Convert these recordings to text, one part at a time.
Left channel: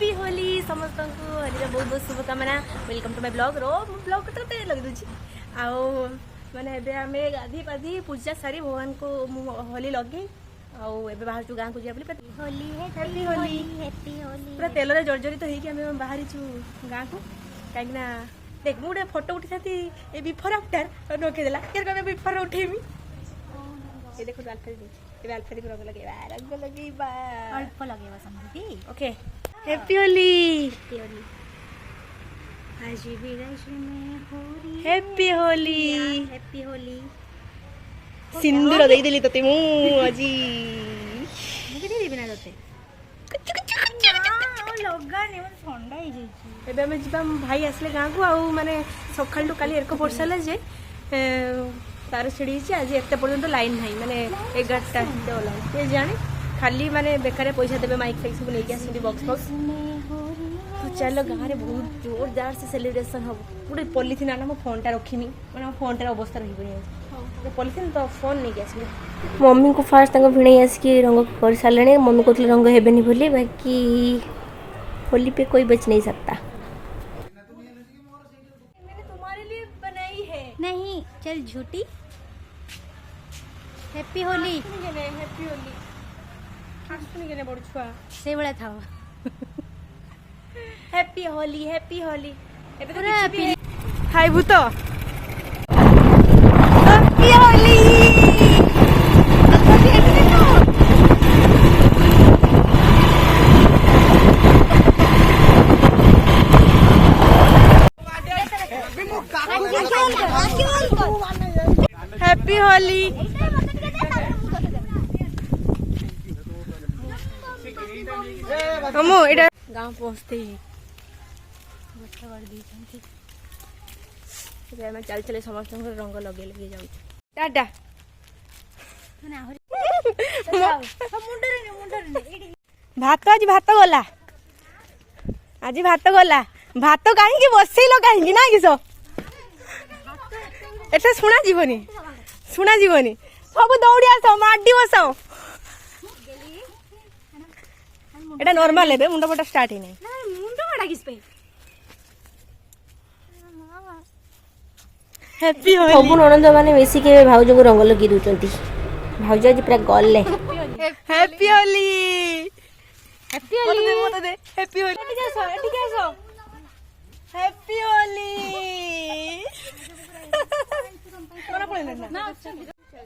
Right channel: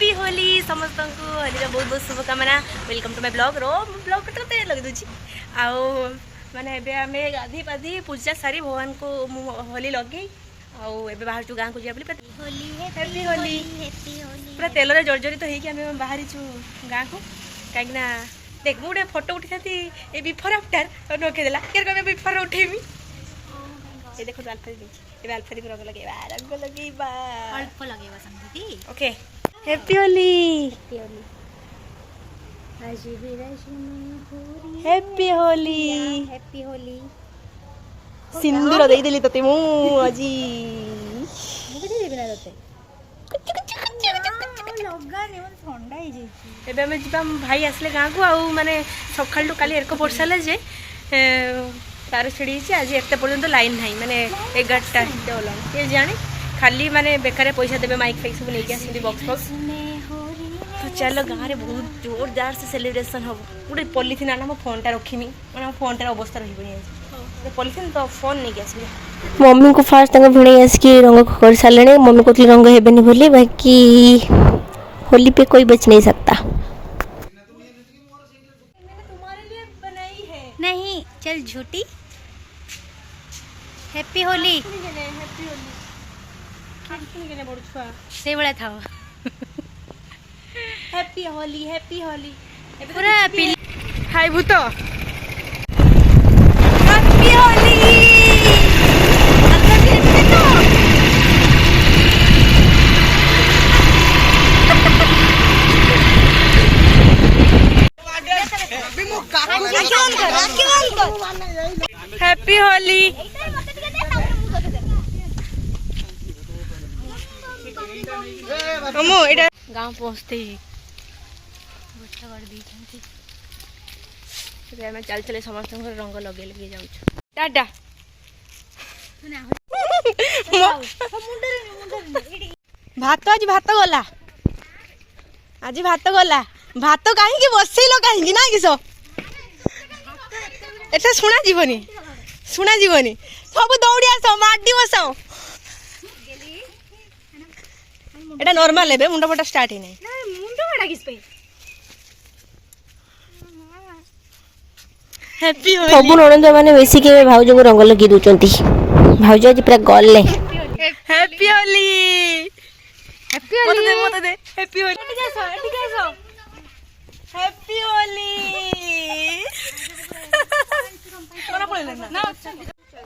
Happy Holi समस्त को होली बहुत बहुत शुभकामना। वेलकम टू माय ब्लॉग रो ब्लॉग तो लगे दूची आओ माने एबे आमे गाधी पाधी पूजा सारी भगवान को होली लगे आओ एबे बाहर चु गां को जिया बोली होली हैप्पी होली पूरा तेल रे जर्जरित होई कि आमे बाहरी छु गां को काई ना देख मु गोटे फोटो उठी थी ए बिफोर आफ्टर नोके देला केर कबे बिफोर उठेमी ये देखो अल्फा दी ये अल्फा दी रंग लगेबा अल्प लगेबा समझी ओके हैप्पी होली आज भी रश में होली हैप्पी होली हैप्पी होली सिंदूर देई देली तते मु आजी मुझे देबी ना तते लगा ने ठंडा ही जाई एबे हम जिबा भाई आसले गां को आउ माने सखाल टू काली एरको पड़साले जे तार छिड़ी छी आज एते पर्यंत लाइन नाही माने 11टा डॉलर के जाने खाली माने बेकारे पैसा देबे माइक फाइक सब लेके आसी बॉक्स बॉक्स तो चलो गाँव में बहुत जोरदार से सेलिब्रेशन हम गोटे पॉलिथिन आना मो फोन टा रखीमी माने मो फोन टा अवस्था रही पॉलिथिन तो फोन नहीं के आसली मम्मी को फास्ट तंग भिणे आसकी रंग कर सारे मम्मी को रंग हेबेनी बोली बाकी होली पे कोई बच नहीं सकता। तुम्हारे लिए बनाई है नहीं चल झूठी हैप्पी होली हैप्पी होली खासकुनी केने बड़ छुआ से बड़ा था हैप्पी होली पूरा हाय भूत हैप्पी होली अच्छा भी है तो हैप्पी होली हमो एटा गांव पहुंचते ही मैं चल चले समस्त रंग लगे लगे जाऊँ टाटा भात आज भात गला आज भात गला भात कहीं बसैल कहीं ना किस एटा शुणा जीवनी सब दौड़ी आस माडी बस एटा नॉर्मल है मुंड फटा स्टार्ट ही नहीं मुंड बड़ा किस पे हैप्पी होली सब ननंद माने बेसी के भाउज को रंग लगी दूचंती भाउज आज पूरा गल्ले हैप्पी होली मत दे हैप्पी होली हैप्पी होली कोना पड़े ना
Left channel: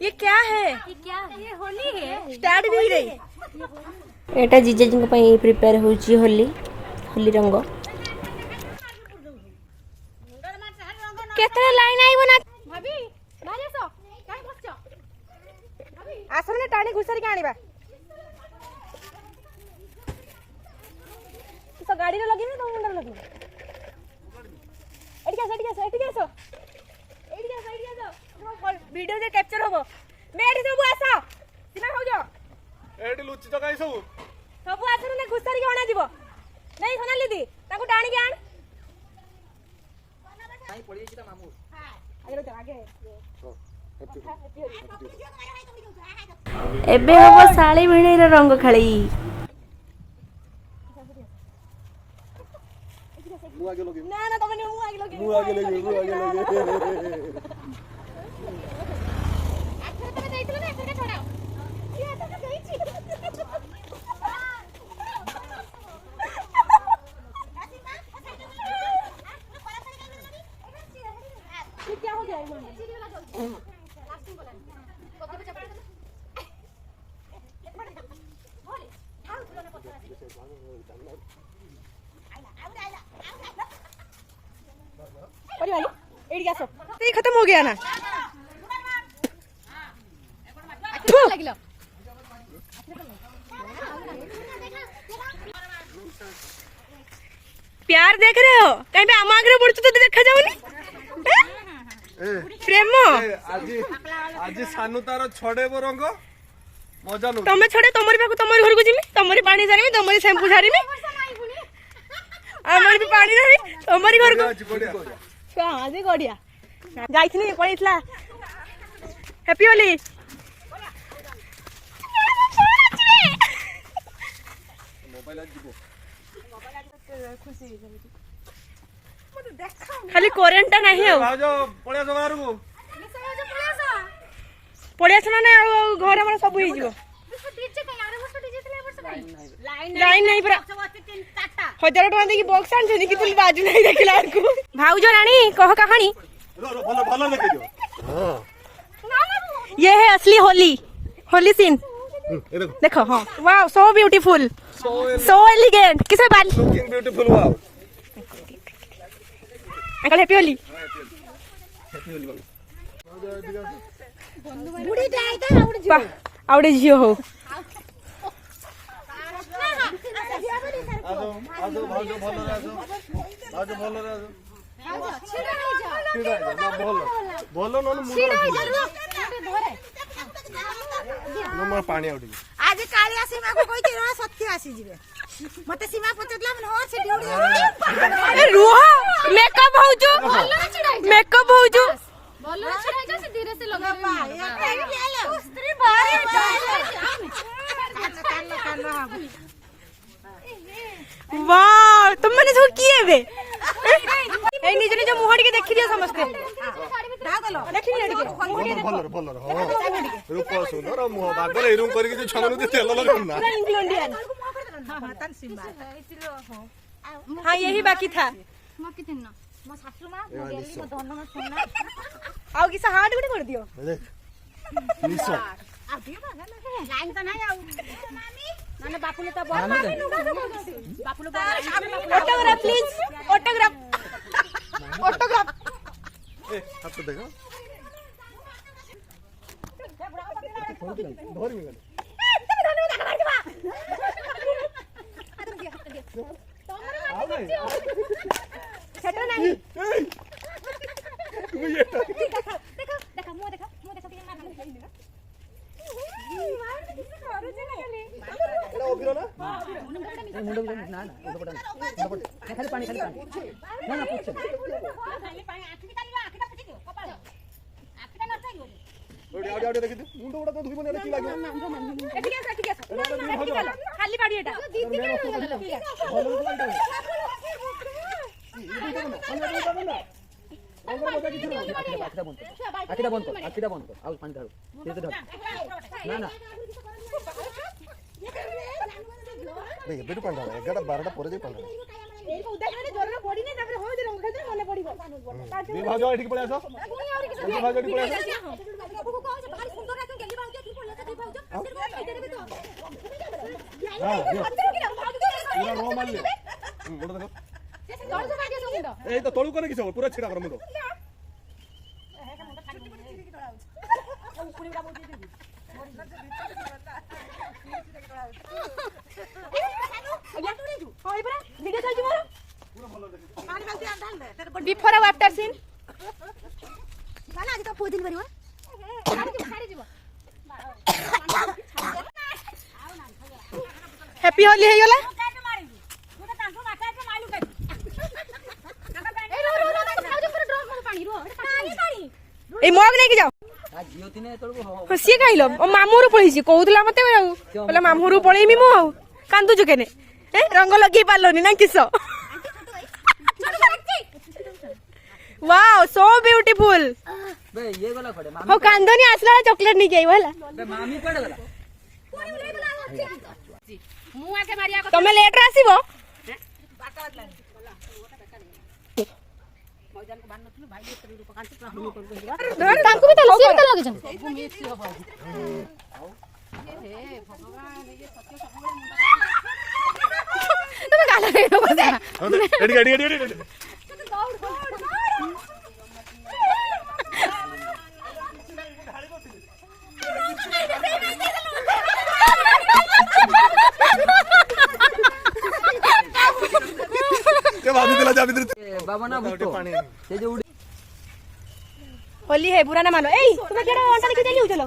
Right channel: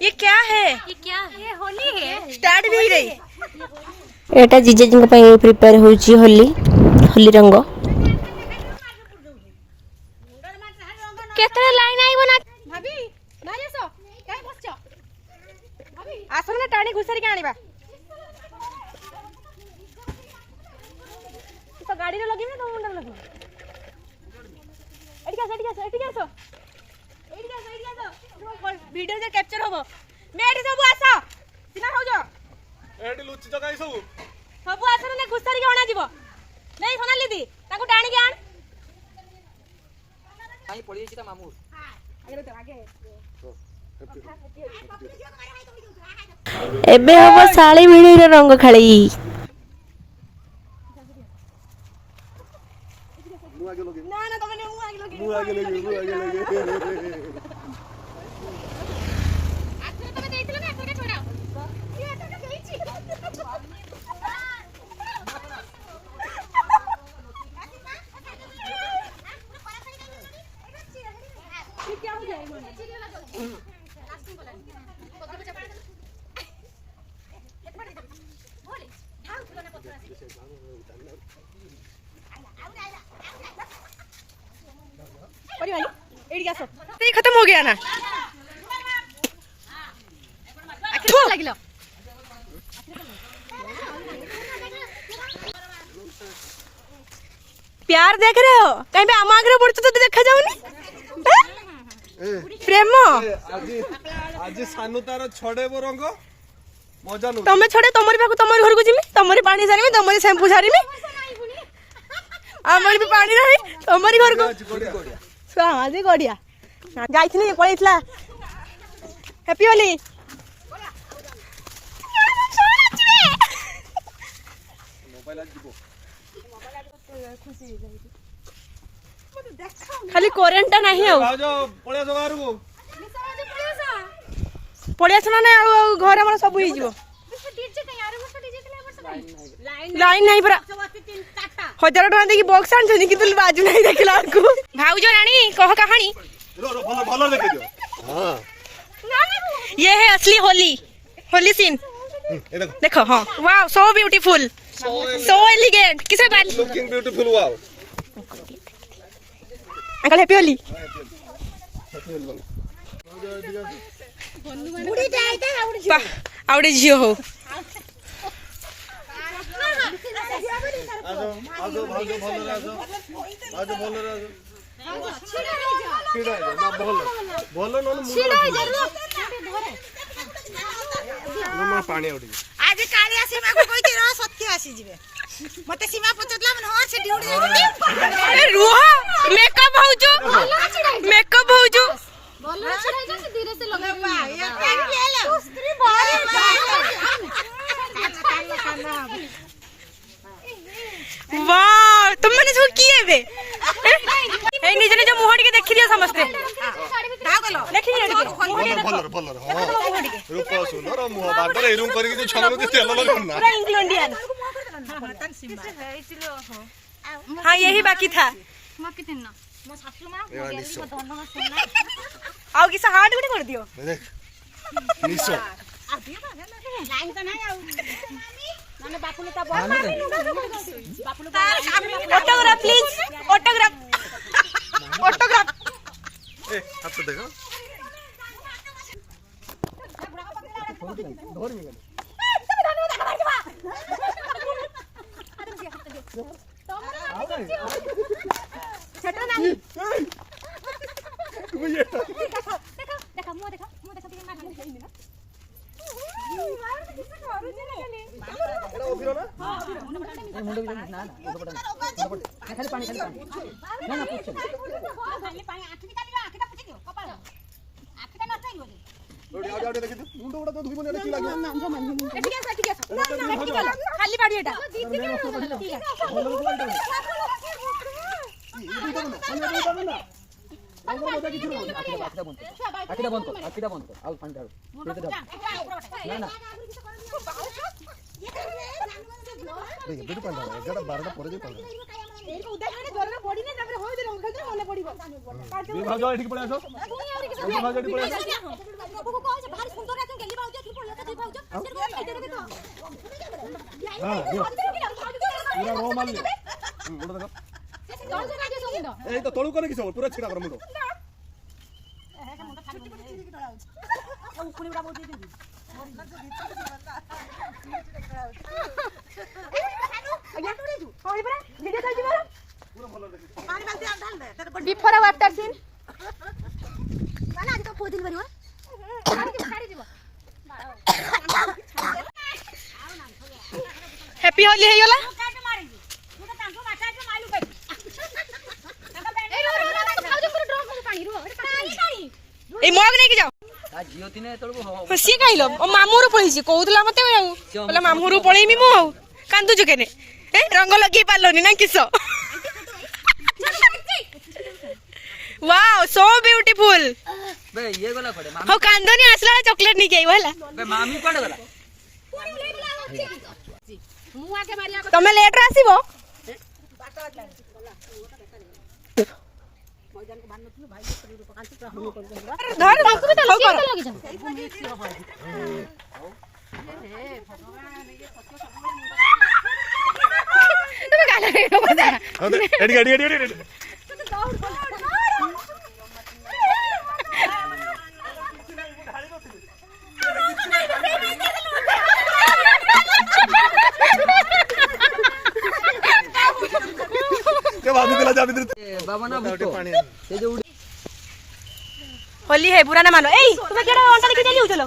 ये क्या है ये होली है स्टार्ट भी रही एटा जीजा जी पई प्रिपेयर होची होली रंग केतरे लाइन आइबो ना भाभी मारे सो काहे बसछ आसन ना टाणी घुसरी के आनिबा तो गाड़ी रे लगी ना तो मुंडर लगी एटी सो वीडियो जे कैप्चर होबो मेडी सब आसा सिना हो जा एडी लुचि तो काई सब आसन ना घुसरी के आना जीवो नहीं सोनाली दी ताको टाणी के आन आई पड़ी छी त मामू आगे एबे हम साली मिणी रे रंग खाली ना ना तमने मु आगे लगे क्या हो जाएगा खत्म हो गया ना प्यार देख रहे हो कहीं पे आम आगे पड़छ तो देखा जाऊनी प्रेम आज सानु तार छड़ेबो रंग मजा नु तमे छड़े तमरी पाको तमरी घर को जिमी तमरी पानी सारीमी तमरी शैम्पू सारीमी हमर भी पानी रही तमरी घर को आज गड़िया जाइथिनी पळैतला हैप्पी होली खाली करेंट नहीं आउ भाउज पळिया बाहरକୁ पड़िया सुना ना घर हमारा सब हो जीवो लाइन नहीं पूरा 1000 टका देखि बॉक्स आन कि तुल बाजू नहीं देखला को भाउज रानी कह कहानी भलो भलो देखे दियो हां ये है असली होली सीन ये देखो देखो हाँ wow so beautiful so elegant किसे बाल looking beautiful wow uncle happy Holi आवड़े झियो हो आजो भाउज भलो रे आजो भलो रे आजो छिड़ा ना भलो न मुंडा पानी उठी आज कालिया सीमा को कोई तेरा सत्य आसी जिवे मते सीमा पचतला मन हो से ड्यूटी अरे रुह मेकअप होजो बोलो छिड़ाई जा से धीरे से लगा ये स्त्री बारे वाह तुम मैंने सब किए बे ए निज निज मुहर के देखि दिया समझते देखि निज के भलो भलो हां रूप सुंदर मुह बागर एरुम करके जो छन के तेल लगना पूरा इंग्लैंडियन हाँ यही बाकी था म कितन ना मो सासु मां ए निसो धन सोना आओ किसा हार्ट गुटे कर दियो देख निसो लाइन तो नहीं आउ माने बापू ने ता बापू ऑटोग्राफ प्लीज ऑटोग्राफ ए हाथ देखो धोर में सेटा नहीं देखा मुंह देखा के मार एड़ा ओबिरो ना खाली पानी ना ना पूछ खाली पानी आखी निकालियो आखी ता पची दियो कपाल आखी ता नथई हो ओडी आडी देखि मुंड उडा तो धुई बने की लागे ठीक है खाली पाड़ी एटा आखिटा बंद कर आउ पानी ढाल ना ना देख बेटू पानी डाल 11 12 पर जे पानी भाउज एठी पळे आसो भाउज एठी पळे आसो हां पूरा रो मार ले मुंड देखो ए तो तळू करे कि सब पूरा छिड़ा कर मुंड बिफोर और आफ्टर सीन आज तो को दिन बनियो हैप्पी होली है योला ए मग नहीं के जाओ आ जियो तिने तळको हो हसी कहलो ओ मामूर पळीसी कहउतला मते आउ बोला मामूर पळेमी मु आउ कांदु जुकेने ए रंग लगे पालोनी ना किसो वाओ सो ब्यूटीफुल बे ये गला खडे हो कांदोनी आसला चॉकलेट नहीं केई वाला बे मामी कोड गला मु आके मारिया तमे लेट रे आसीबो धर तांको भी तो लोग लगे जन तुम्हें गाना रे बजा एडी एडी एडी एडी के भाभी दिला जा भीतर बाबा ना भूतो से जो होली है बुरा ना मानो ए तुम्हें केडा अंटा देखि चली चलो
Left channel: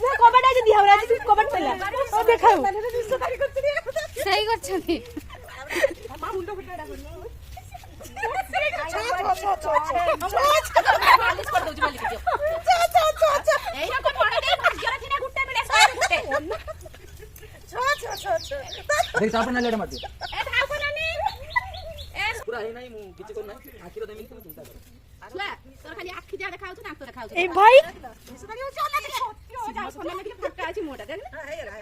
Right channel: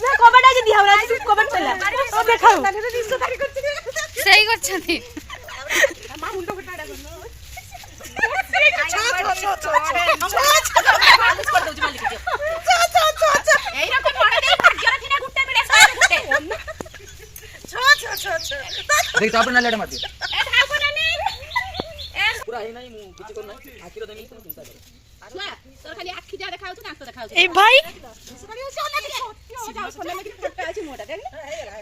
ना कबड्डी आज दिया हमरा आज कबड्डी चला ओ देखाओ सही करछथि देख तापर ना लेट मार दियो ପୁରା ହେଇ ନାହିଁ ମୁଁ କିଛି କରୁ ନାହିଁ ଆଖିର ଦେମି ତମେ ଚିନ୍ତା କର ଛୁଆ ତୋର ଖାଲି ଆଖି ଯା ଦେଖା ଯାଉଛି ଦାନ୍ତ ଦେଖା ଯାଉଛି ए भाई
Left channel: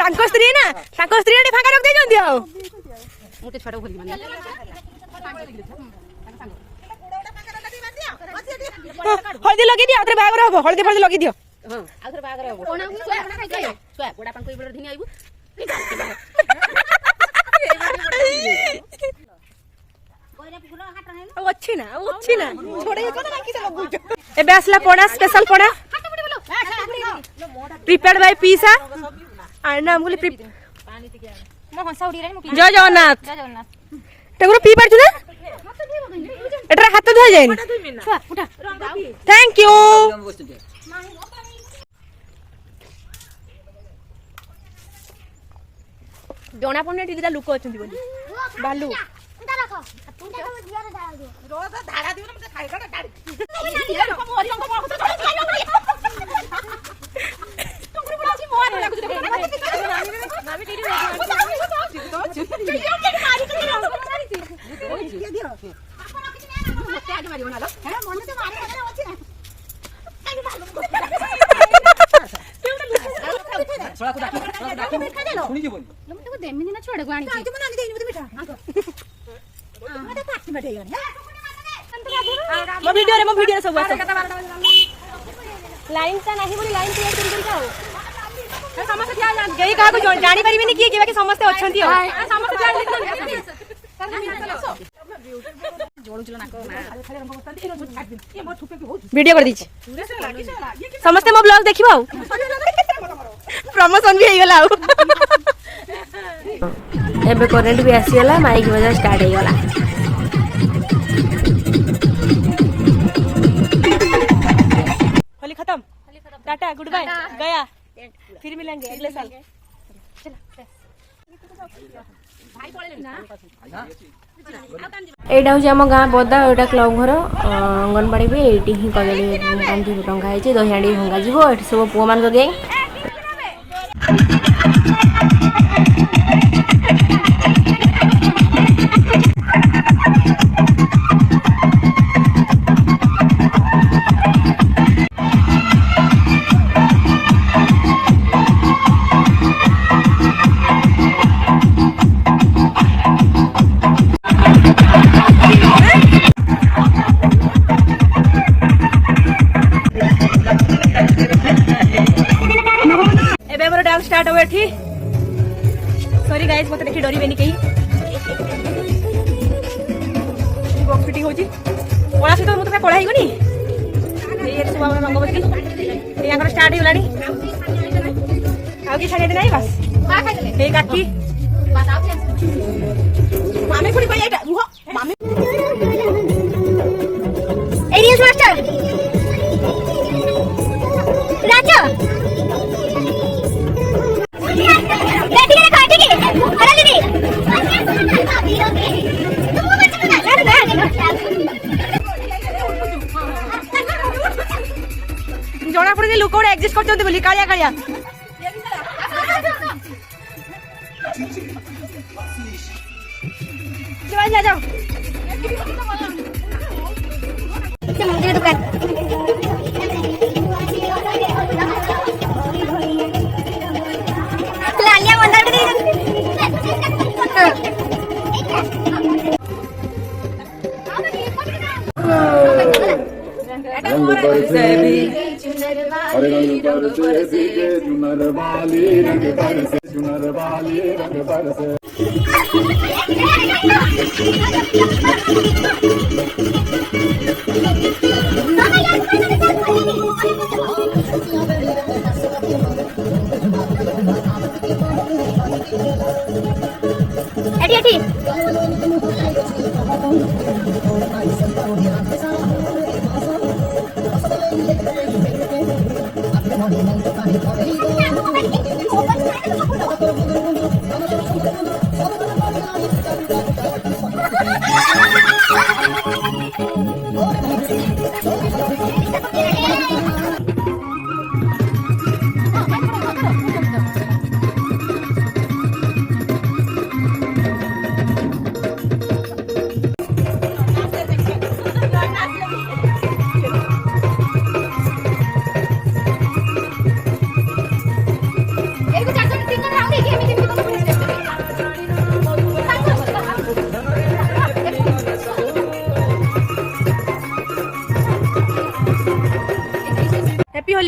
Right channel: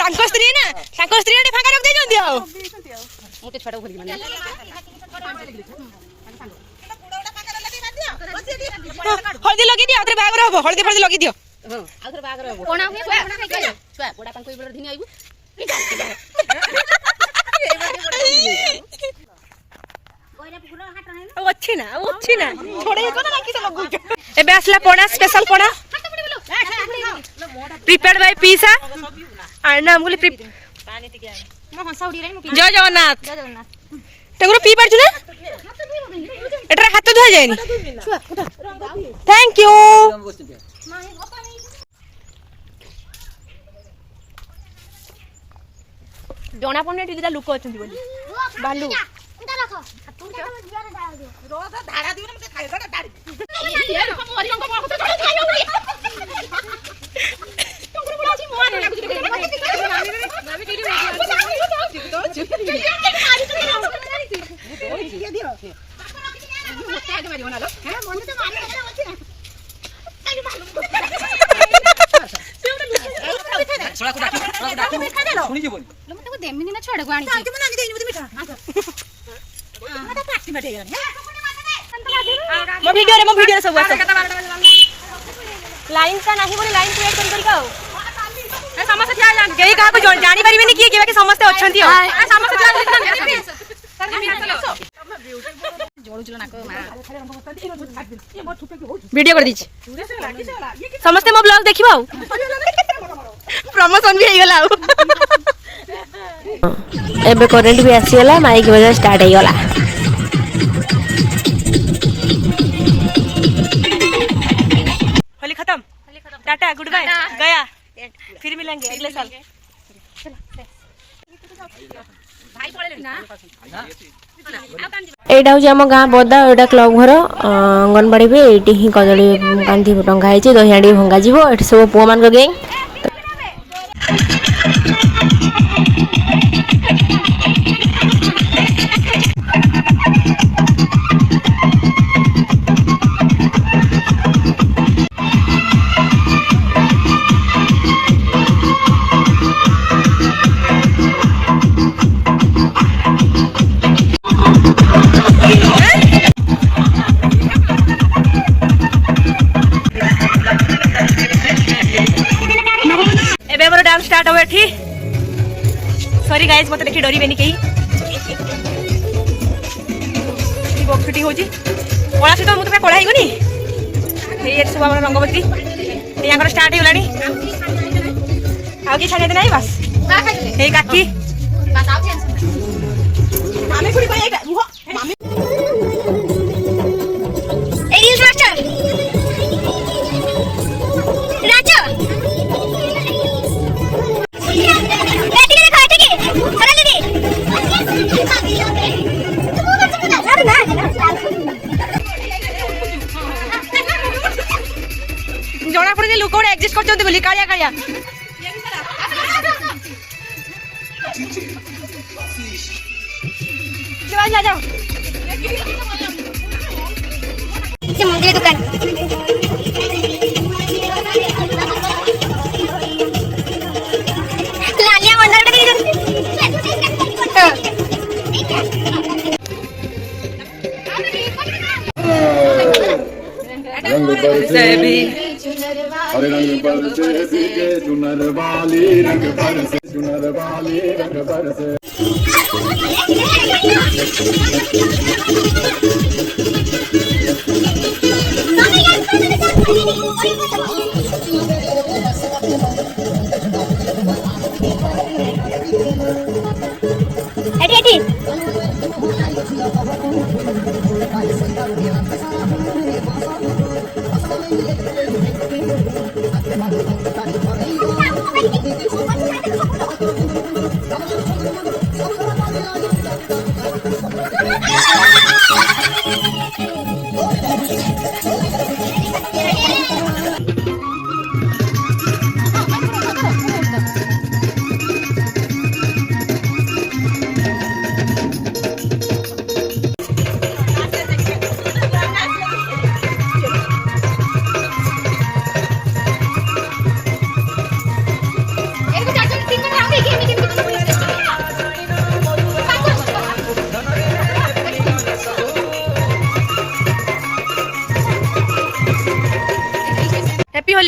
ତାଙ୍କ ସ୍ତ୍ରୀ ନା ତାଙ୍କ ସ୍ତ୍ରୀ ଟେ ଫାଙ୍କା ରଖି ଦେଇଛନ୍ତି ଆଉ ମୁଁ ଟେ ଛୁଆଟା ଘୁରିକି ହଳଦୀ ଲଗେଇ ଦିଅ ଆଉଥରେ ବାହାଘର ହବ ହଳଦୀ ଫଳଦୀ ଲଗେଇ ଦିଅ ହଁ ଆଉ ଥରେ ବାହାଘର ହବ କୋଣା ହୁଏ ଛୁଆ ବୁଢା ପାଙ୍କୁ ଏଇ ଧିନି ଆଇବୁ ଅଛି ନା ଛୋଡେଇ କଣ ନା କିସ ଲଗୁଛ ଏବେ ଆସିଲା ପଣା ସ୍ପେଶାଲ ପଣା प्रिपेयर्ड बाय पीसा आना हमको ମୋ ହଂସା ଉଡି ରାଇ ମୁଁ जय जगन्नाथ ଜୟ ଜଗନ୍ନାଥ तेगुरो पी पारछु ना एटा हाथ धुआ जायनी ଛୁଆ ଉଠା थैंक यू जणा पड़ने टिटा लोक अच्छा बोली भालू ଶୁଣି ଯିବନି ମୁଁ ତାକୁ ଦେମିନି ନା ଛୁଆଟାକୁ ଆଣିଛି मो वीडियो रे सब आस लाइन का नाही बोली लाइन क्रिएट करी का ए समस्त थिया जान केही का को जानि परिबेनी की के बाकी समस्त अछंती हो ए समस्त थिया वीडियो कर दीची समस्त मो ब्लॉग देखिबो प्रमोशन भी हेई गला एबे करेंट भी आसी गला माइक बजा स्टार्ट हेई गला होली खत्म टाटा गुड बाय गया फिर मिलेंगे अगले साल एटा हूँ आम गाँ बदा एटा क्लब घर अंगनवाड़ी भी ये ही कदली कांधी टंगाई दही हांडी भंगा जीव ये सब पुआ मान गैंग डांस स्टार्ट हो एठी सॉरी गाइस मते देखि डरी बेनी केही बॉक्स फिटिंग होजी कोला से तो मते पे कोला हिगोनी ये सब हमर रंगवती ये आगर स्टार्ट हो गलानी आउ की छाड़े दे नाही बस हे काकी बस आउ टेंशन मामी पुरी भाई एटा मामी ए रील्स मास्टर राजा जना पड़े लोक गोटे एडजस्ट करछन्ते बोली कालिया कालिया जाओ जाओ से मंदिर दुकान लालिया मंदिर के रंग बरसे भी हरे रंग बरसे भीगे चुनर वाली रंग बरसे चुनर वाली रंग बरसे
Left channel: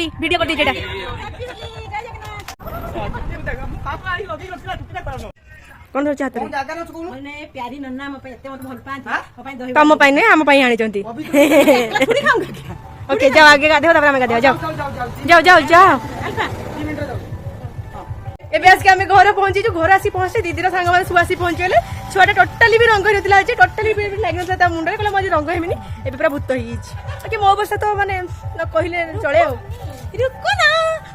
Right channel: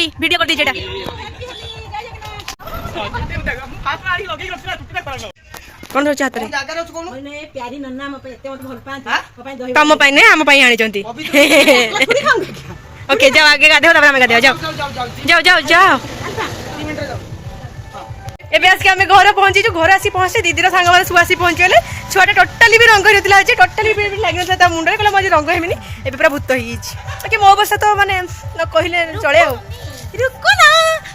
होली वीडियो कर दीजिए कौन रोचे हाथ रे मैंने प्यारी नन्ना मो पे एते मत भल पांत मो पे दही तम पाई नहीं आम पाई आनी चंती ओके जाओ आगे गाधो तब आमे गाधो जाओ जाओ जाओ जाओ एबे आज के आमे घर पहुंची जो घर आसी पहुंचे दीदी रो सांग वाला सब आसी पहुंची गले छुआटा टोटली भी रंग होतला जे टोटली भी लागि नता ता मुंडे कला मजे रंग हेमिनी एबे पूरा भूत होई छि ओके मो अवस्था तो माने न कहिले चले हो रुको ना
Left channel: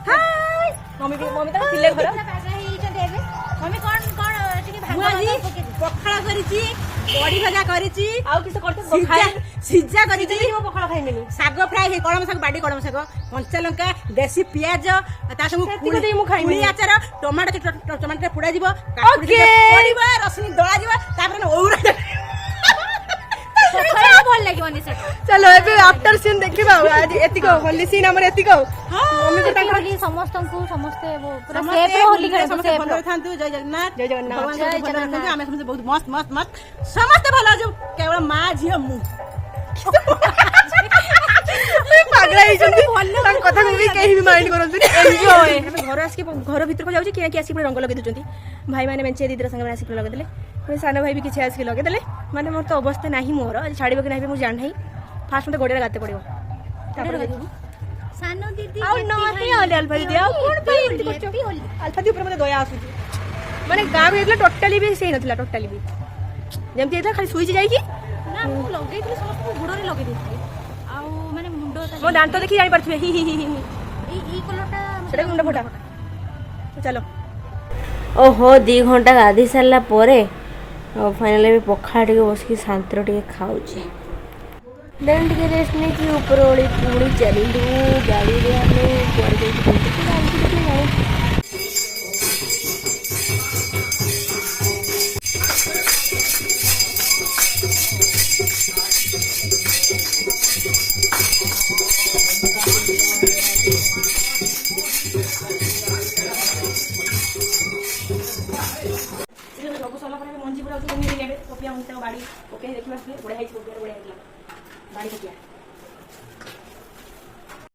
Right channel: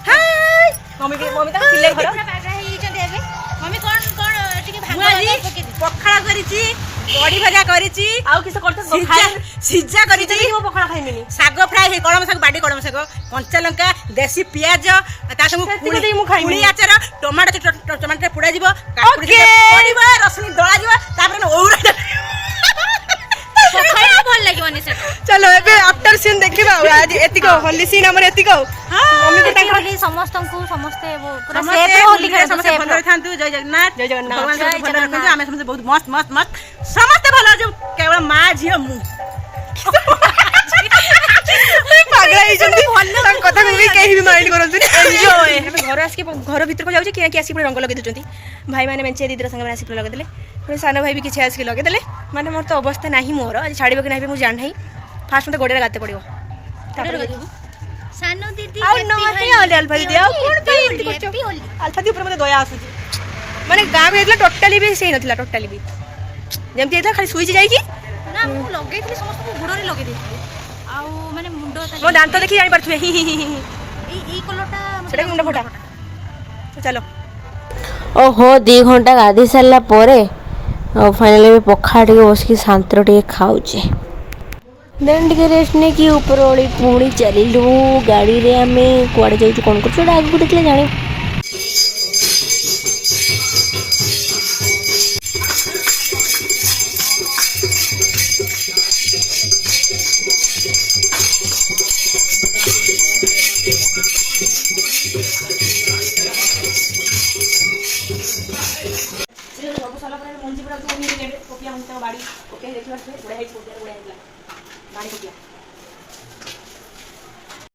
हाय मम्मी तो खिले घर मम्मी कौन बुआजी पखाड़ा करिची बड़ी भजा करिची आउ किस करते सिजा करिची मो पखड़ा खाइमेनी साग फ्राई हे कलम साग बाडी कलम साग कंचा लंका देसी पियाज ता संग सेतिको देई मु खाइमेनी। पुली आचार टमाटर पुडा जिवो काकुडी पडिबो रसनी दळा जिवो तापर औरा पखाड़ा भल लागिवनी से चलो एबे आफ्टर सीन देखिबा आज एतिको होली सीन हमर एतिको मम्मी को टाका होली समस्त वो पूरा समस्त सेफ होली खेल समस्त सेफ भलो थांतु जय जगन्नाथ जय जगन्नाथ। भगवान जय सब भलो जगन्नाथ। रखंतु आमे समस्त बहुत मस्त मस्त मस्त समस्त भलो जो केवल मां झियो मु पागला ही जंदी तां कथा को भी केही भी माइंड करंतु एन्जॉय हम घर आसी घर भीतर को जाउची किया कि आसी रंग लगे दउचंती भाई माने मेंचे दीदर संग आसी लगे देले पुणी सानो भाई भी किछि आसी लगे देले माने मोर तो अवस्था नाही मोर आज छाड़िबो कि नाही मु जान नाही फास्ट मते गोडे गाते पड़िबो तापर सानो दीदी आउ न हे अल्फा दीदी आउ कोन पे एंती करछो अल्फा दी ऊपर मते दया आसुची माने गाव हेतला टोटली भी सही नथिला टोटली भी जेमती हेतला खाली सुइच जाई कि ना मु लगे थी समस्त को गुडरे लगे देथि आउ माने मुंडो मो दांत देखि जानि परथुए ई कलरटा सेटा मुंडा फटा तो चलो ओहो 2 घंटा गाधी सारा पर फाइनाली पखा टे बस शांतर टे खाऊचे देन टे रेस्ट नहीं कि ऊपर ओली पुणी चलू गाड़ी रे आम कड़े जाइए कौन कर आगे देखिए जाने मंजी पूरा तो नहीं लेबे कोपिया हम बाड़ी कोपिया देखियो उड़े है बाड़ी कोपिया